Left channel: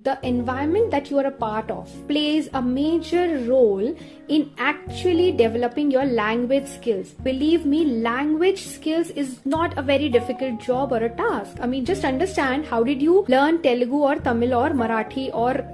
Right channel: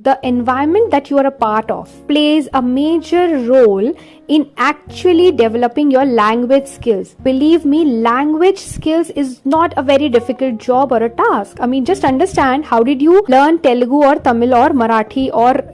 The environment that you are a part of plays a major role in actually developing your language skills. Believe me, language skills is not a very difficult job or a task. I mean, just understand, how did you learn Telugu or Tamil or Marathi or,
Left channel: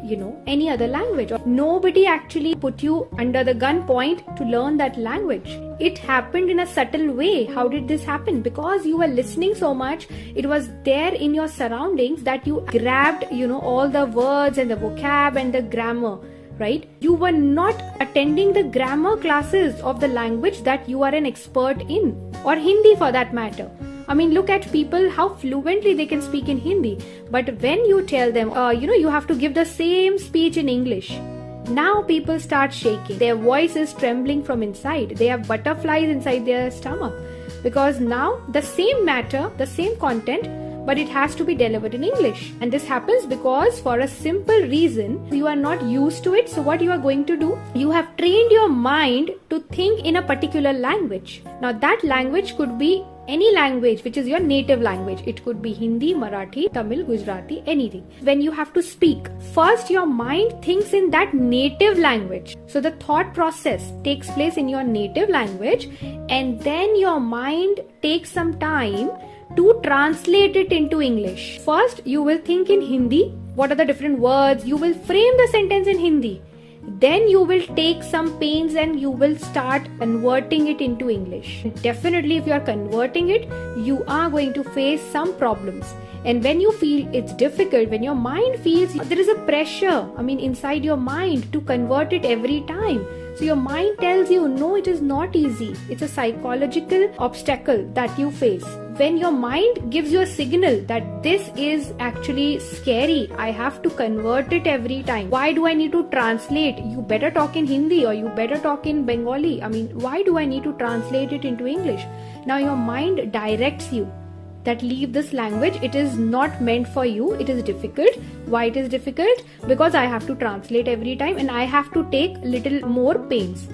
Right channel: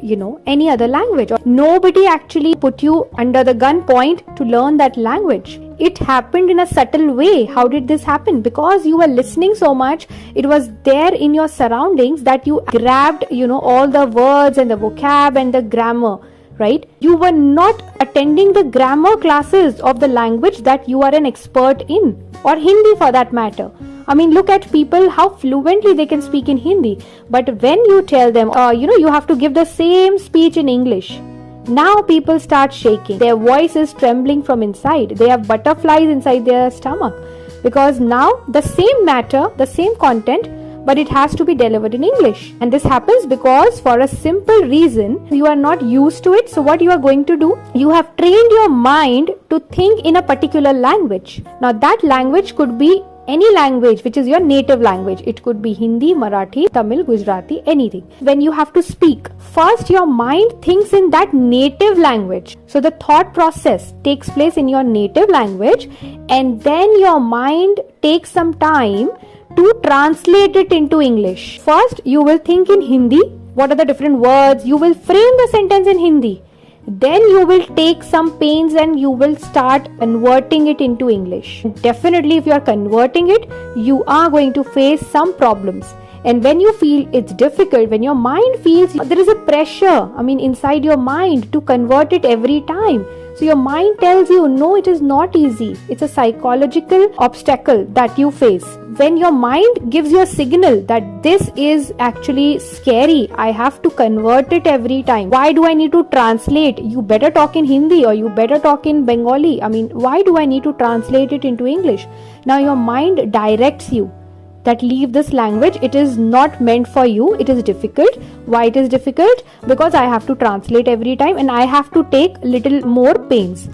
any other language? Nobody actually put you under the gunpoint to learn that language. It happened in a subtle way. How did this happen? Because you were listening so much, it was there in your surroundings that you grabbed, all the words and the vocab and the grammar, right? You were not attending the grammar classes of the language that you are an expert in, or Hindi for that matter. I mean, look at people, how fluently they can speak in Hindi. But when you tell them, you have to give the same speech in English, now people start shaking. Their voice is trembling from inside. They have butterflies inside their stomach. Because now the same matter, the same content, but it has to be delivered in English. And this happens because for a simple reason, you are not used to it. So what you are going to do? You have trained your mind to think in a particular language. Now that language could be any language which is your native language. It could be Hindi, Marathi, Tamil, Gujarati, anything. When you have to speak, first your mind thinks in that native language. So the thought process takes place in your native language, and then your mind takes some time to translate it into English. First, you will think in Hindi. What are the different words? You will frame the sentence in Hindi. Then you will take some pains and you will start converting it into English. Definitely, if you are converting it, you are going to face some problems. And when you feel it's difficult, when your mind feels there is a pressure, inside your mind to convert it every time. So your mind tells you, no, it is not easy. It's a psychological obstacle that you face. When your mind gives you a signal that this is actually scary, I have to convert it every time. Why do I need to translate? You better talk in Hindi or you better talk in Bengali. Why do I need to translate it into English? Now your mind directs you that leave this language. It is not meant for you. It is difficult. Why it is difficult? Because I have to translate every time and I have to take little more pains.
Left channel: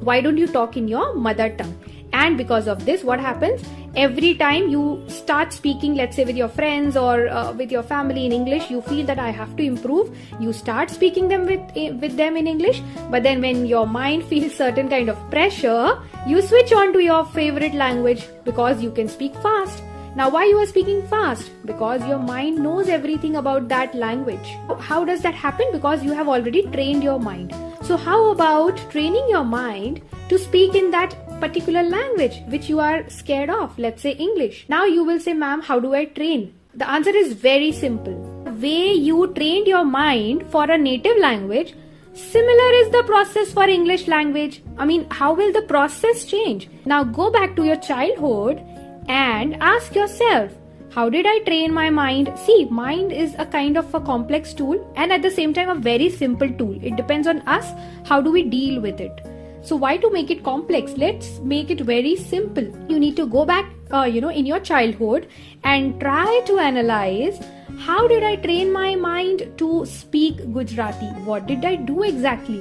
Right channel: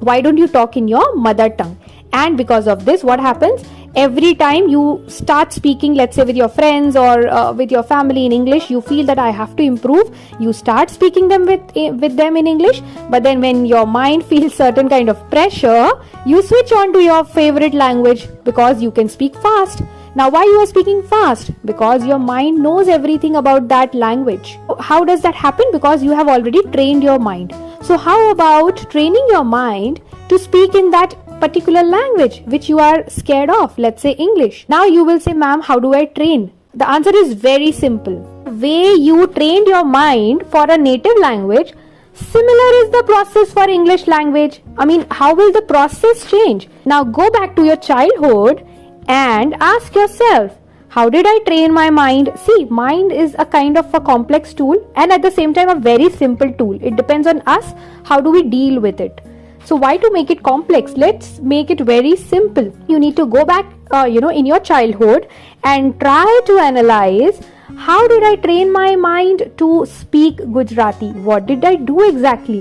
Why don't you talk in your mother tongue? And because of this, what happens? Every time you start speaking, let's say with your friends or with your family in English, you feel that I have to improve. You start speaking them with them in English. But then when your mind feels certain kind of pressure, you switch on to your favorite language because you can speak fast. Now, why you are speaking fast? Because your mind knows everything about that language. How does that happen? Because you have already trained your mind. So how about training your mind to speak in that particular language which you are scared of? Let's say English. Now you will say, ma'am, how do I train? The answer is very simple. The way you trained your mind for a native language, similar is the process for English language. How will the process change? Now go back to your childhood and ask yourself, how did I train my mind? See, mind is a kind of a complex tool and at the same time a very simple tool. It depends on us, how do we deal with it. So why to make it complex? Let's make it very simple. You need to go back, in your childhood and try to analyze, how did I train my mind to speak Gujarati? What did I do exactly?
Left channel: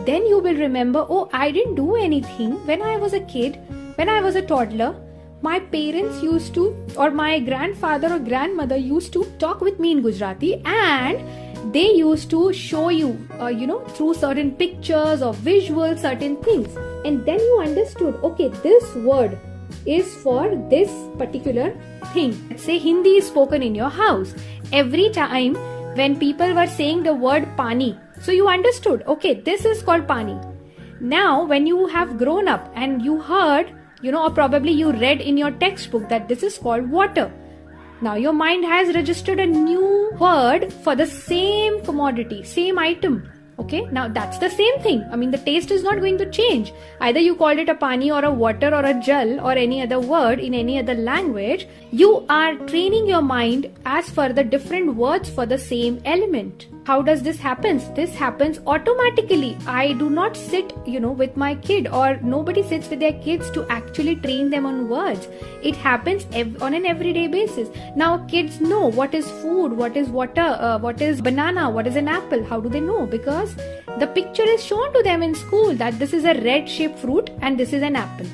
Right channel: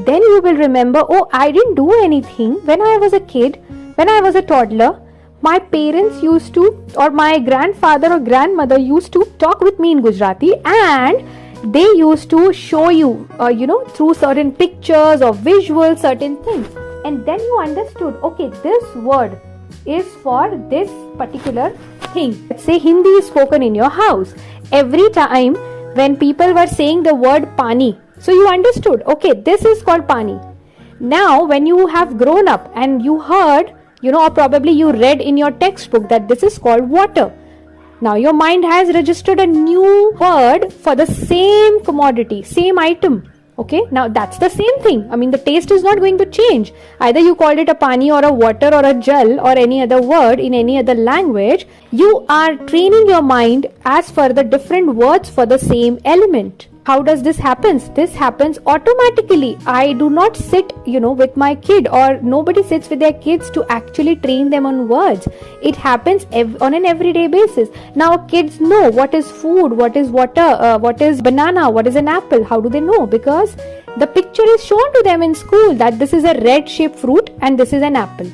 Then you will remember, I didn't do anything. When I was a kid, when I was a toddler, my parents used to, or my grandfather or grandmother used to talk with me in Gujarati, and they used to show you, through certain pictures or visuals, certain things. And then you understood, okay, this word is for this particular thing. Let's say Hindi is spoken in your house. Every time when people were saying the word pani, so you understood, okay, this is called pani. Now, when you have grown up and you heard, or probably you read in your textbook that this is called water. Now your mind has registered a new word for the same commodity, same item. Okay, now that's the same thing. The taste is not going to change. Either you called it a pani or a water or a jal or any other word in any other language, you are training your mind as per the different words for the same element. How does this happen? This happens automatically. I do not sit, with my kid, or nobody sits with their kids to actually train them on words. It happens on an everyday basis. Now kids know what is food, what is water, what is banana, what is an apple. How do they know? Because the picture is shown to them in school that this is a red shaped fruit and this is an apple.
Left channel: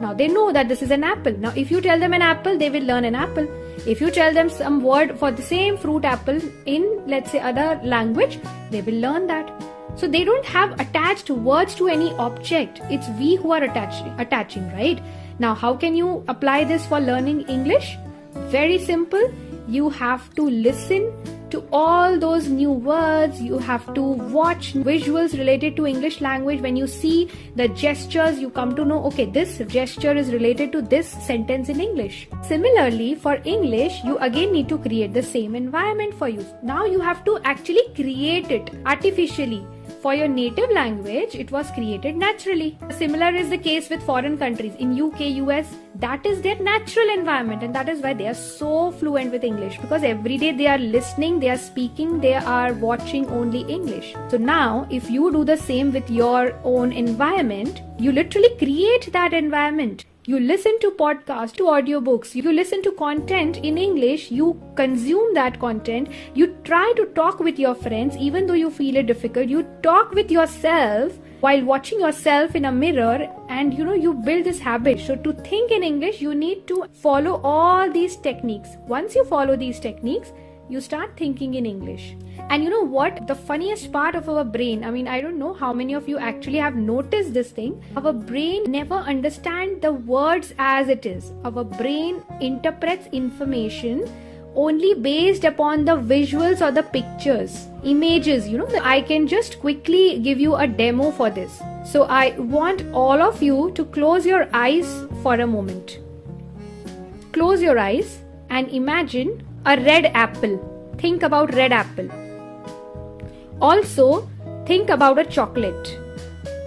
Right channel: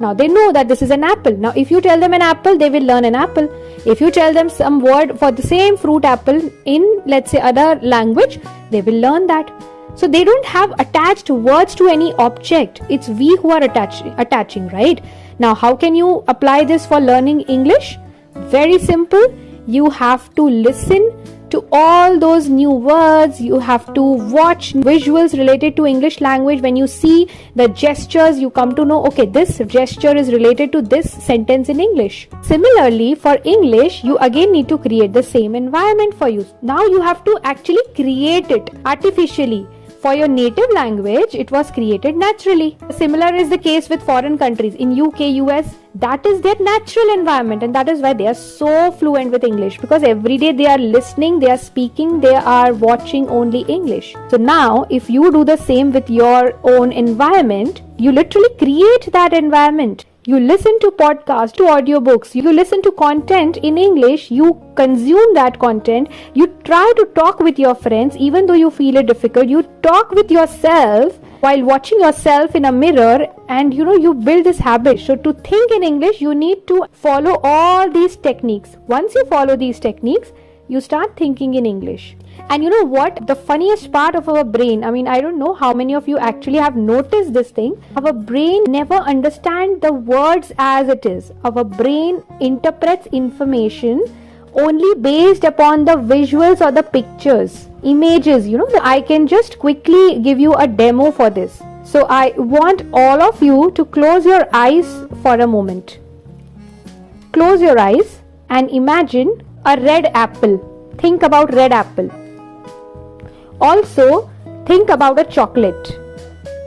Now they know that this is an apple. Now if you tell them an apple, they will learn an apple. If you tell them some word for the same fruit apple in, let's say, other language, they will learn that. So they don't have attached words to any object. It's we who are attaching, right? Now how can you apply this for learning English? Very simple. You have to listen to all those new words. You have to watch visuals related to English language. When you see the gestures, you come to know, okay, this gesture is related to this sentence in English. Similarly, for English, you again need to create the same environment for you. Now you have to actually create it artificially. For your native language, it was created naturally. Similar is the case with foreign countries. In UK, US, that is their natural environment, and that is why they are so fluent with English, because every day they are listening, they are speaking, they are watching only English. So now, if you do the same with your own environment, you literally create that environment. You listen to podcasts, to audiobooks, you listen to content in English, you consume that content, you try to talk with your friends, even though you feel it difficult, you talk with yourself while watching yourself in a mirror, and you build this habit. So to think in English, you need to follow all these techniques. Once you follow these techniques, you start thinking in English. And you know what? The funniest part of our brain, I don't know how many of you actually have noticed this thing. Our brain never understands the words as it is. Our brain interprets information only based upon the visuals or the pictures, images. I can just quickly give you a demo for this. So I want all of you to close your eyes for a moment. Close your eyes and imagine a red apple. Think about red apple. Also, think about a chocolate,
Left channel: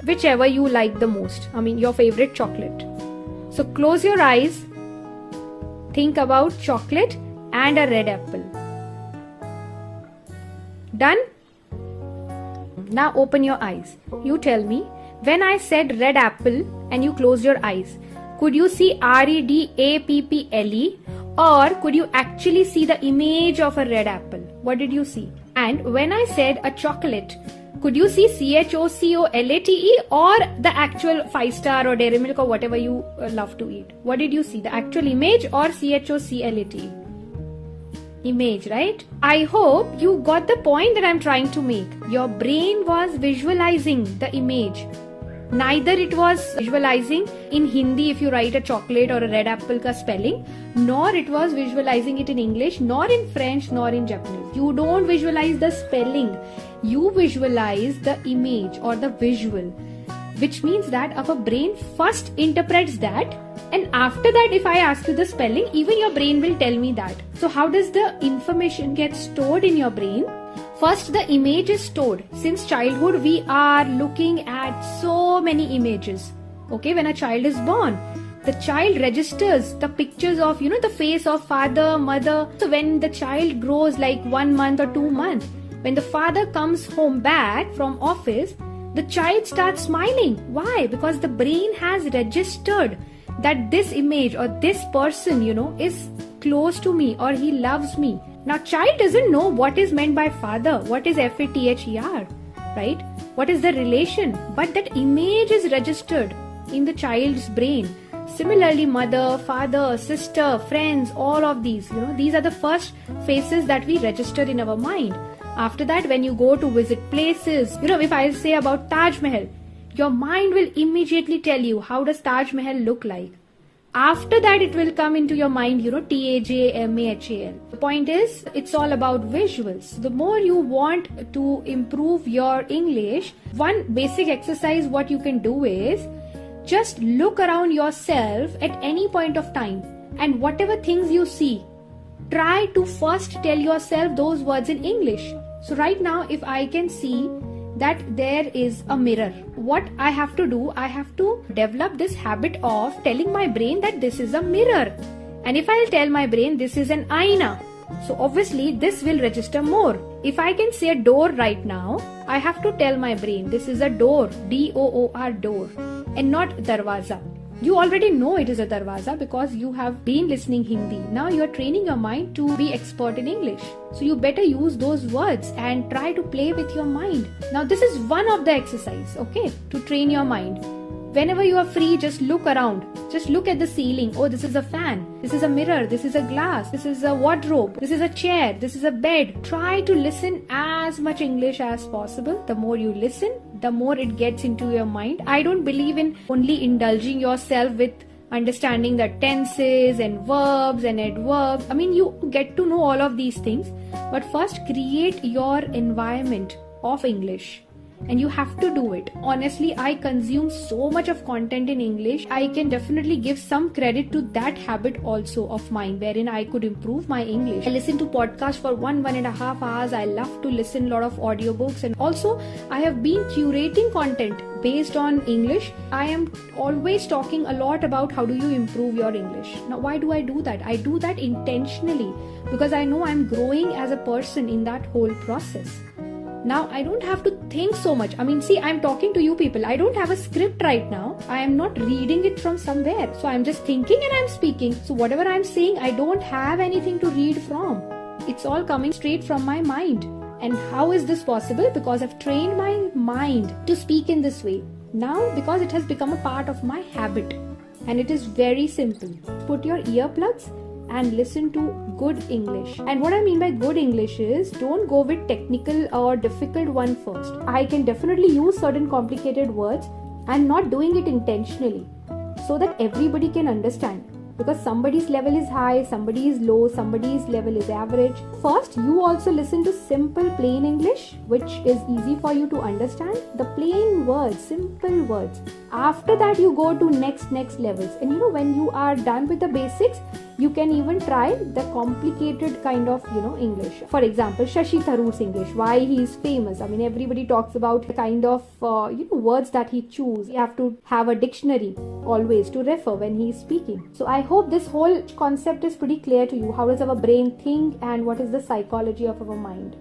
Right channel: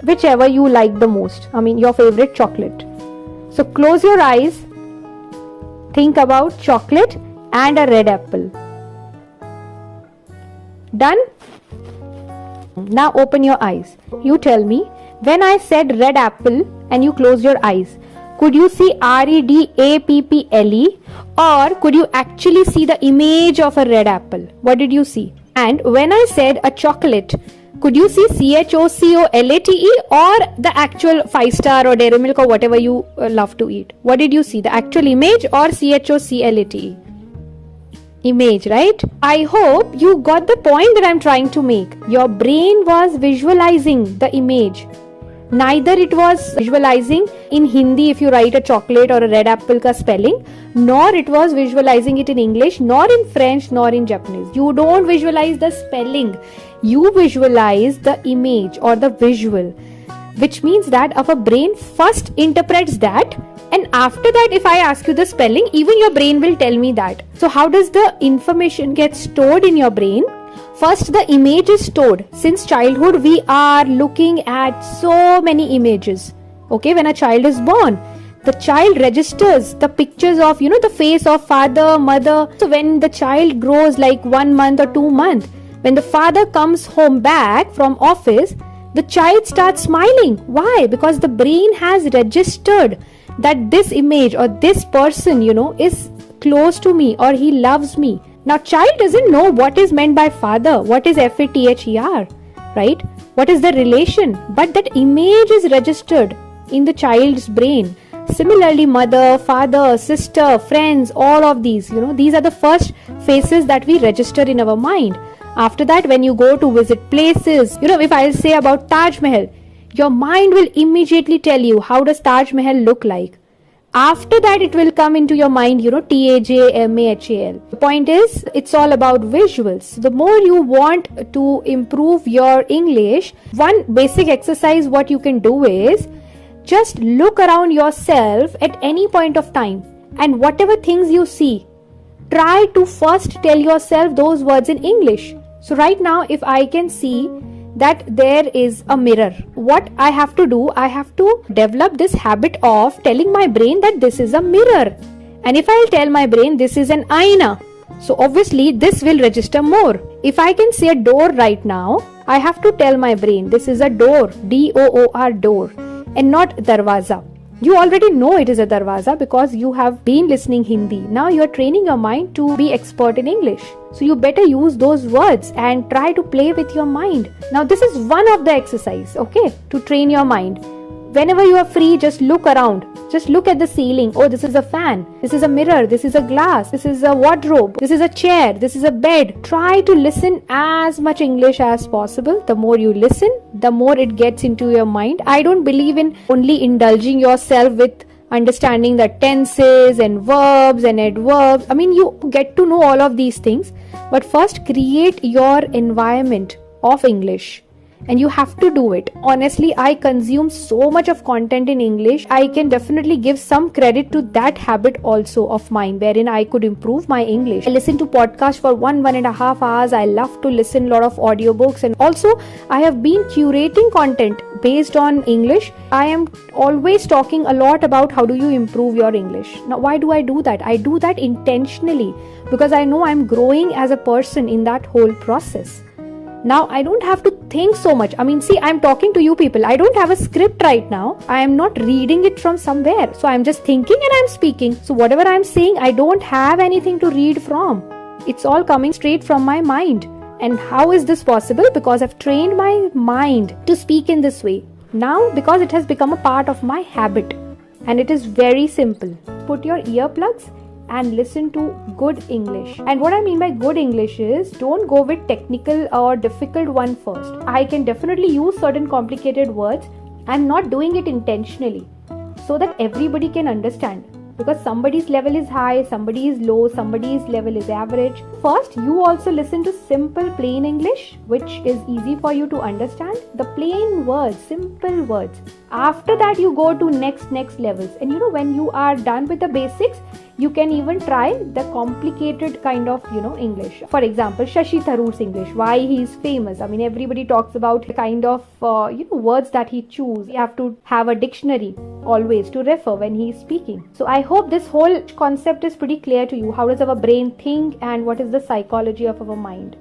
whichever you like the most. Your favorite chocolate. So close your eyes, think about chocolate and a red apple. Done? Now open your eyes. You tell me, when I said red apple and you closed your eyes, could you see REDAPPLE, or could you actually see the image of a red apple? What did you see? And when I said a chocolate, could you see CHOCOLATE, or the actual 5-star or Dairy Milk or whatever you love to eat? What did you see? The actual image or CHOCLATE? Image, right? I hope you got the point that I'm trying to make. Your brain was visualizing the image. Neither it was visualizing in Hindi if you write a chocolate or a red apple ka spelling, nor it was visualizing it in English, nor in French, nor in Japanese. You don't visualize the spelling. You visualize the image or the visual, which means that our brain first interprets that, and after that, if I ask you the spelling, even your brain will tell me that. So how does the information get stored in your brain? First, the image is stored. Since childhood, we are looking at so many images. Okay, when a child is born, the child registers the pictures of, the face of father, mother. So when the child grows like 1 month or 2 months, when the father comes home back from office, the child starts smiling. Why? Because the brain has registered that this image or this person, is close to me or he loves me. Now, child doesn't know what is meant by father, what is FATHER, right? What is the relation? But that image is registered in the child's brain. Similarly, mother, father, sister, friends, all of these, these are the first faces that we register in our mind. After that, when you go to visit places, if I'll say about Taj Mahal, your mind will immediately tell you how does Taj Mahal look like. After that, it will come into your mind, TAJMAHAL. The point is, it's all about visuals. The more you want to improve your English, one basic exercise what you can do is just look around yourself at any point of time, and whatever things you see, try to first tell yourself those words in English. So right now, if I can see that there is a mirror, what I have to do, I have to develop this habit of telling my brain that this is a mirror. And if I'll tell my brain this is an aina, so obviously this will register more. If I can say a door right now, I have to tell my brain this is a door, DOOR, door, and not darwaza. You already know it is a darwaza because you have been listening Hindi. Now you are training your mind to be expert in English. So you better use those words and try to play with your mind. Now this is one of the exercise, okay, to train your mind. Whenever you are free, just look around. Just look at the ceiling. Oh, this is a fan. This is a mirror. This is a glass. This is a wardrobe. This is a chair. This is a bed. Try to listen as much English as possible. The more you listen, the more it gets into your mind. I don't believe in only indulging yourself with understanding the tenses and verbs and adverbs. I mean, you get to know all of these things. But first, create your environment of English. And you have to do it. Honestly, I consume so much of content in English. I can definitely give some credit to that habit also of mine, wherein I could improve my English. I listen to podcasts for 1.5 hours. I love to listen a lot of audiobooks, and also I have been curating content based on English. I am always talking a lot about how do you improve your English. Now, why do I do that? I do that intentionally because I know I'm growing as a person in that whole process. Now, I don't have to think so much. I mean, see, I'm talking to you people. I don't have a script right now. I am not reading it from somewhere. So I'm just thinking and I'm speaking. So whatever I'm saying, I don't have anything to read from. It's all coming straight from my mind. And how is this possible? Because I've trained my mind to speak in this way. Now, because it has become a part of my habit. And it is very simple. Put your earplugs and listen to good English. And what I mean by good English is, don't go with technical or difficult one first. I can definitely use certain complicated words. I'm not doing it intentionally so that everybody can understand. Because somebody's level is high, somebody is low, somebody's level is average. First, you also listen to simple plain English, which is easy for you to understand. The plain words, simple words. After that, you go to next levels. And when you are done with the basics, you can even try the complicated kind of, English. For example, Shashi Tharoor's English, why he is famous. I mean, everybody talks about the kind of, words that he chooses. You have to have a dictionary always to refer when he is speaking. So I hope this whole concept is pretty clear to you. How does our brain think and what is the psychology of our mind?